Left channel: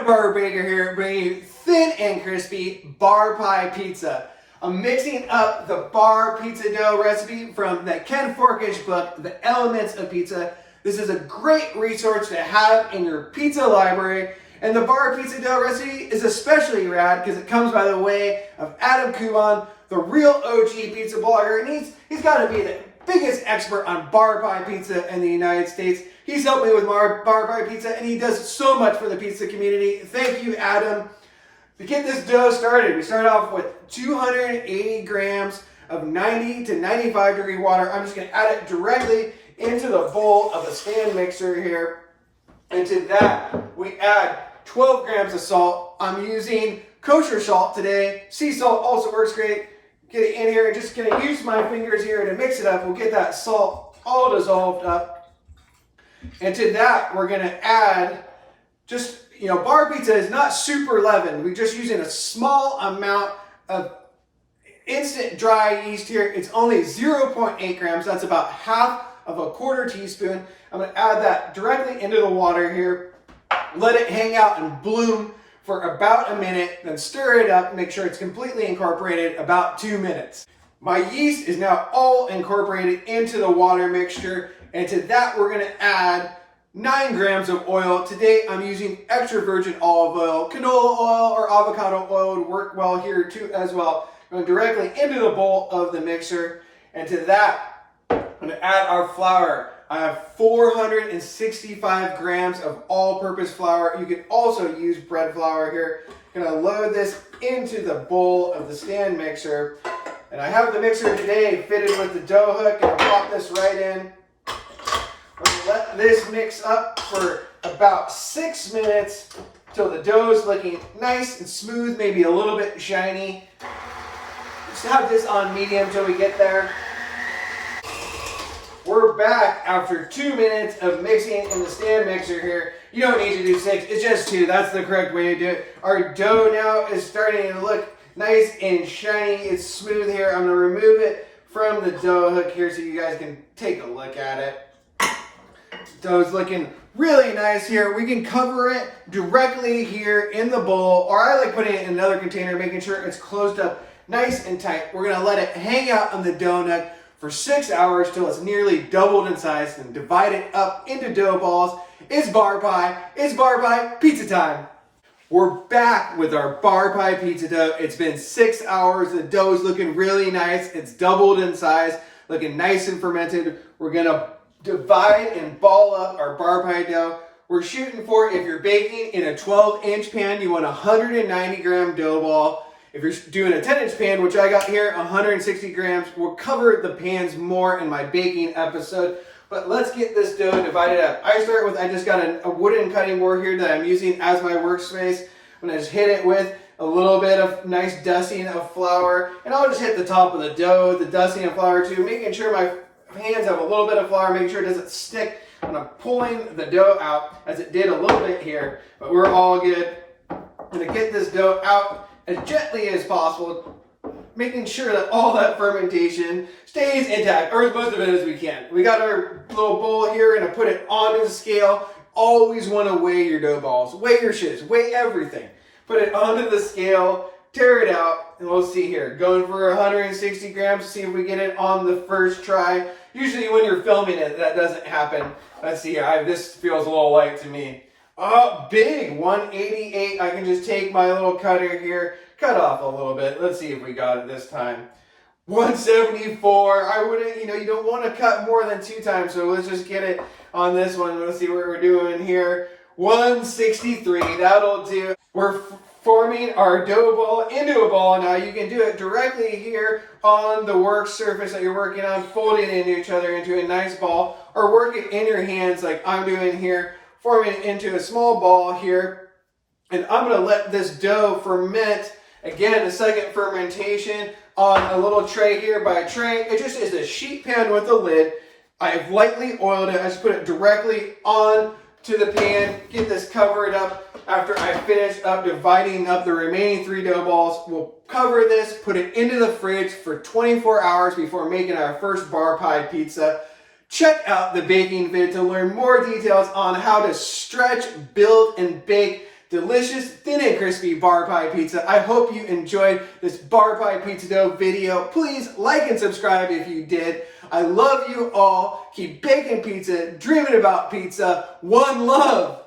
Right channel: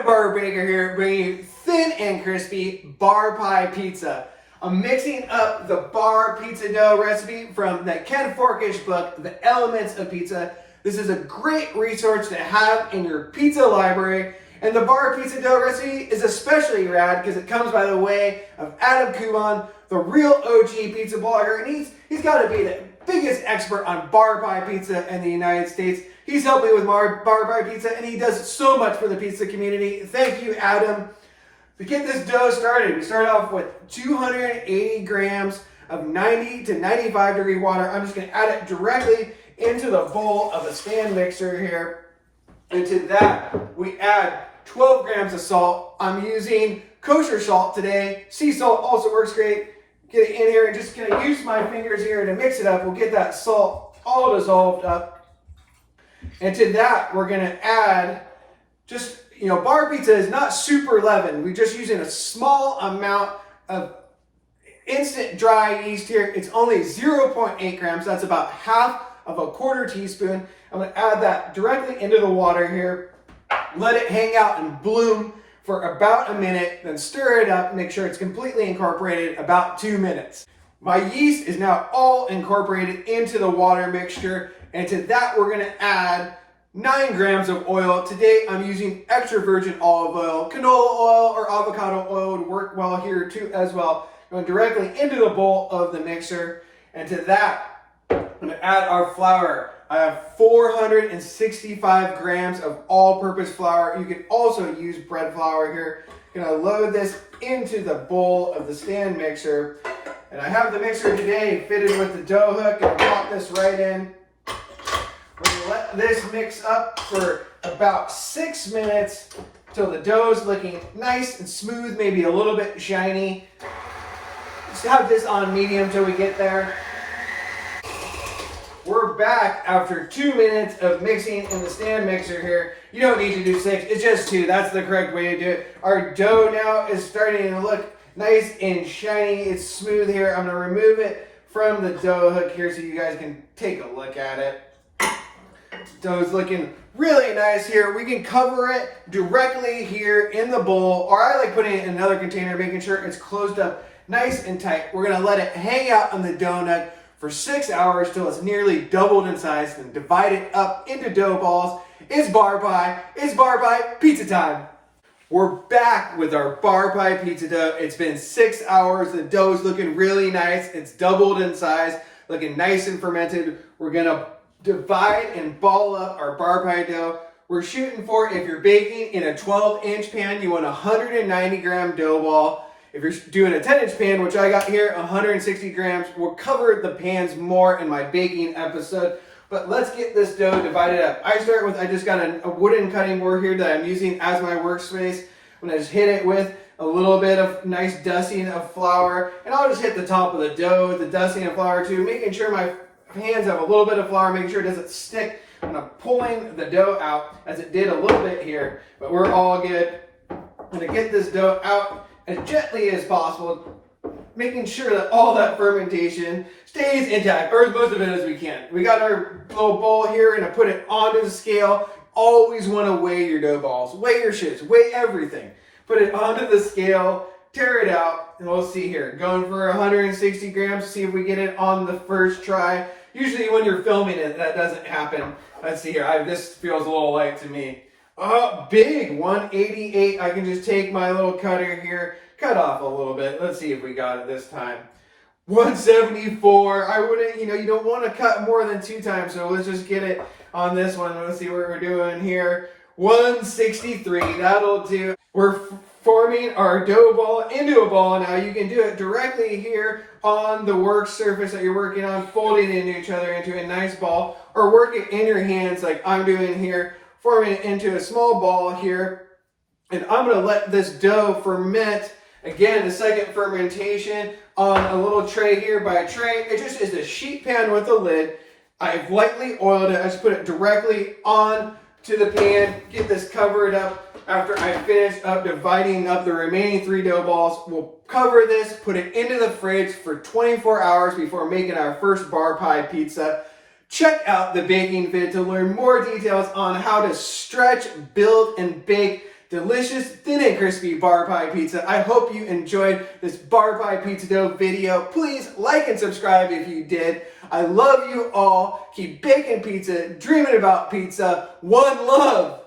Brandon Barber Baker here, bringing you thin and crispy bar pie pizza. I'm mixing up the bar pizza dough recipe from the Ken Forkish book, The Elements of Pizza. This is a great resource to have in your pizza library. And the bar pizza dough recipe is especially rad because it comes by the way of Adam Kuban, the real OG pizza blogger, and he's got to be the biggest expert on bar pie pizza in the United States. He's helped me with bar pie pizza, and he does so much for the pizza community. Thank you, Adam. To get this dough started, we start off with 280 grams of 90 to 95 degree water. I'm just going to add it directly into the bowl of the stand mixer here. And to that, we add 12 grams of salt. I'm using kosher salt today. Sea salt also works great. Get it in here and just gonna use my fingers here to mix it up. We'll get that salt all dissolved up. And to that, we're gonna add just, bar pizza is not super leavened. We're just using a small amount of instant dry yeast here. It's only 0.8 grams. That's about half of a quarter teaspoon. I'm gonna add that directly into the water here. Let it hang out and bloom for about a minute, then stir it up, make sure it's completely incorporated, about 2 minutes. My yeast is now all incorporated into the water mixture, and to that we're gonna add 9 grams of oil. Today I'm using extra virgin olive oil. Canola oil or avocado oil would work well here too as well. Going directly into the bowl of the mixer, and to that I'm gonna add our flour. I have 465 grams of all-purpose flour. You can also use bread flour here. I'm gonna load this into the bowl of the stand mixer. And I have the mixer today fitted with the dough hook. Gonna pop this right in. We're gonna let this mix up for about 6 minutes until the dough is looking nice and smooth, maybe a little bit shiny. Just have this on medium till we get there. We're back after 2 minutes of mixing in the stand mixer here. You don't need to do 6, it's just 2. That's the correct way to do it. Our dough now is starting to look nice and shiny. It's smooth here. I'm gonna remove it from the dough hook here so you guys can take a look at it. Dough's looking really nice here. We can cover it directly here in the bowl, or I like putting it in another container, making sure it's closed up nice and tight. We're gonna let it hang out on the donut for 6 hours till it's nearly doubled in size, and divide it up into dough balls. It's bar pie pizza time. We're back with our bar pie pizza dough. It's been 6 hours. The dough's looking really nice. It's doubled in size, looking nice and fermented. We're gonna divide and ball up our bar pie dough. We're shooting for, if you're baking in a 12-inch pan, you want a 190 gram dough ball. If you're doing a 10-inch pan, which I got here, 160 grams, we'll cover the pans more in my baking episode. But let's get this dough divided up. I just got a wooden cutting board here that I'm using as my workspace. I'm gonna just hit it with a little bit of nice dusting of flour, and I'll just hit the top of the dough, the dusting of flour too, making sure my hands have a little bit of flour, making sure it doesn't stick when I'm pulling the dough out, as it did a little bit here, but we're all good. I'm gonna get this dough out as gently as possible, making sure that all that fermentation stays intact, or as most of it as we can. We got our little bowl here, gonna put it onto the scale. Always wanna weigh your dough balls, weigh your shits, weigh everything. Put it onto the scale, tear it out, and we'll see here. Going for 160 grams, see if we get it on the first try. Usually when you're filming it, that doesn't happen. Let's see here, this feels a little light to me. Big 188. I can just take my little cutter here, cut off a little bit. Let's see if we got it this time. 174. I wouldn't, you don't want to cut more than 2 times, so let's just get it on this one. Let's see what we're doing here. 163. That'll do. We're forming our dough ball into a ball now. You can do it directly here on the work surface that you're working on, folding into each other into a nice ball, or work it in your hands like I'm doing here, forming it into a small ball here. And I'm gonna let this dough ferment. Again, the second fermentation on a little tray here. By a tray, it just is a sheet pan with a lid. I've lightly oiled it. I just put it directly on to the pan, get this covered up. After I finish up dividing up the remaining 3 dough balls, we'll cover this, put it into the fridge for 24 hours before making our first bar pie pizza. Check out the baking vid to learn more details on how to stretch, build, and bake delicious, thin and crispy bar pie pizza. I hope you enjoyed this bar pie pizza dough video. Please like and subscribe if you did. I love you all. Keep baking pizza, dreaming about pizza. One love.